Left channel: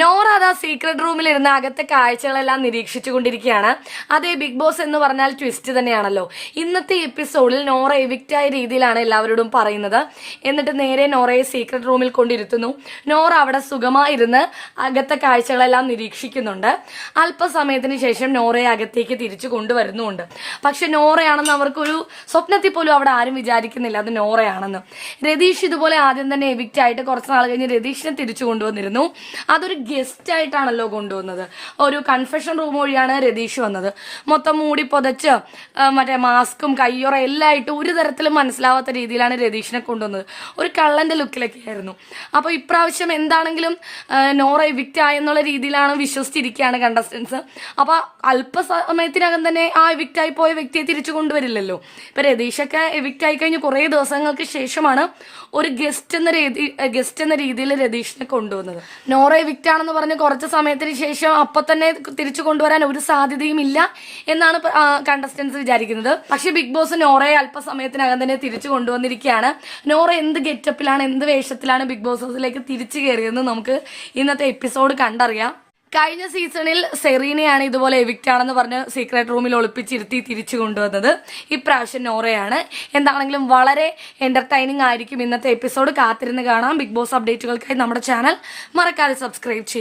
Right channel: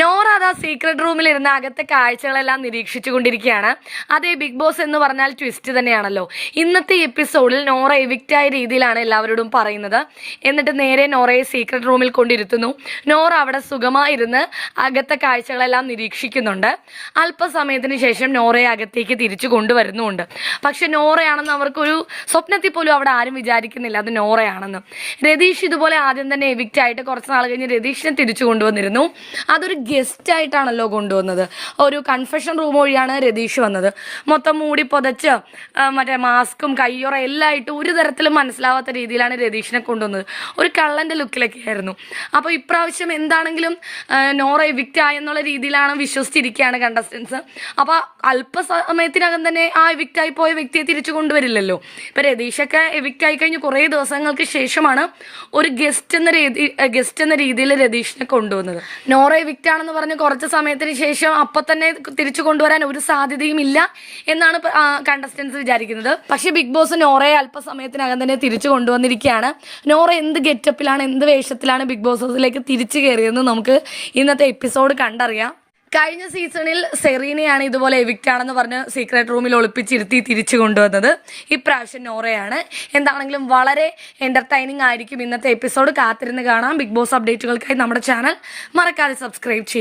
നോറ അതാ സീക്രട്ട് റൂമിൽ ഇരുന്ന് അകത്തെ കാഴ്ചകളെല്ലാം നിരീക്ഷിച്ചു കൊണ്ടിരിക്കുകയാണ്. അതേ ബിഗ് ബോസ് എന്ന് പറഞ്ഞാൽ ട്വിസ്റ്റ് തന്നെയാണല്ലോ. ഇന്നത്തെ എപ്പിസോഡിൽ നോറ എവിക്റ്റായ രീതിയിലാണ് എല്ലാവരോടും പറയുന്നത്. എന്നിട്ട് നേരെ നോറയെ സീക്രട്ട് റൂമിൽ കൊണ്ടിരുത്തുന്നു. നോറ അവിടെ സുഖമായിരുന്ന് അകത്തെ കാഴ്ചകളെല്ലാം നിരീക്ഷിക്കുന്നുണ്ട്. അല്പസമയത്തിന് ശേഷം നോറയെ അകത്തേക്ക് തിരിച്ചു കൊണ്ടുവരുന്നുമുണ്ട്. പക്ഷെ നോറയാണെന്ന് അവർക്കൊരു സ്വപ്നത്തിൽ പോലും അവിടെ ആരും വിചാരിക്കുന്നില്ല അത് നോറയാണെന്ന്. രതീഷ് ഇതുപോലെ ആദ്യം തന്നെ എവിക്റ്റ് ആയിട്ട് കുറച്ച് നാൾ കഴിഞ്ഞ് രതീഷിനെ തിരിച്ചു കൊണ്ടുവന്നിരുന്നു. അതൊരു ഗസ്റ്റ് ആയിട്ടാണല്ലോ കൊണ്ടുവന്നത്. ഒരു കൺഫെഷൻ റൂം വഴിയാണ് രതീഷ് വന്നത്. മൊത്തം മൂടി പൊതച്ച് മറ്റേ മാസ്കും കയ്യൊറ എല്ലാം ആയിട്ട് ഒരു തരത്തിലും മനസ്സിലാവാത്ത രീതിയിലാണ് രതീഷിനെ കൊണ്ടുവന്നത്. ഒരു കള്ളന്റെ ലുക്കിലൊക്കെ ആയിരുന്നു. അപ്പോൾ ഇപ്രാവശ്യം എന്താണെങ്കിലും നോറ എവിക്റ്റ് ആയെന്നുള്ള രീതിയിലാണ് വിശ്വസിച്ചിരിക്കുകയാണ് കണ്ടസ്റ്റൻസ്. അപ്പോൾ അല്പസമയത്തിനകം തന്നെ ആ എവിക്റ്റ് ആയി പോയ വ്യക്തിയെ തിരിച്ചു കൊണ്ടുവരില്ലല്ലോ. ഇപ്പൊ രതീഷൊക്കെ എവിക്റ്റ് ആയി കഴിഞ്ഞ് കുറേ ദിവസങ്ങൾക്ക് ശേഷമാണ് ഒരു ഗസ്റ്റ് എന്ന രീതിയിൽ രതീഷിനെ കൊണ്ടുവന്നത്. നോറ എവിക്റ്റ് ആണെന്ന് പറഞ്ഞ് കുറച്ച് സമയത്തിന് ശേഷം അപ്പൊ തന്നെ തിരിച്ചു കൊണ്ടുവരാൻ ഒരു സാധ്യതയും ഇല്ല എന്നാണ് കണ്ടസ്റ്റൻസ് വിചാരിക്കുന്നത്. പക്ഷെ ബിഗ് ബോസ് നോറയെ അല്പസമയത്തിനകം തന്നെ തിരിച്ചു കൊണ്ടുവന്നിരിക്കുകയാണ്. നോറ എന്ത് ഗെറ്റപ്പിലാണ് എന്ത് വേഷത്തിലാണ് ബിഗ് ബോസ് ഹൗസിലേക്ക് തിരിച്ചു കയറിയതെന്ന് നമുക്ക് ഇന്നത്തെ എപ്പിസോഡ് കണ്ടറിയാം. കഴിഞ്ഞ സീസണിൽ സെറീനയാണ് ഇതുപോലെ എവിക്റ്റ് ആണെന്ന് പറഞ്ഞ് സീക്രട്ട് റൂമിൽ ഒളിപ്പിച്ചിരുത്തി തിരിച്ചു കൊണ്ടുവന്നത്. ഇപ്രാവശ്യം നോറയാണ്. എന്താണെങ്കിലും വളരെ എന്റർടൈനിങ് ആയിരിക്കും ഇന്നത്തെ എപ്പിസോഡ്. കാത്തിരുന്ന് കാണാം. ബിഗ് ബോസ് അപ്ഡേറ്റുകൾക്കായി നമ്മുടെ ചാനൽ മറക്കാതെ സബ്സ്ക്രൈബ് ചെയ്യും.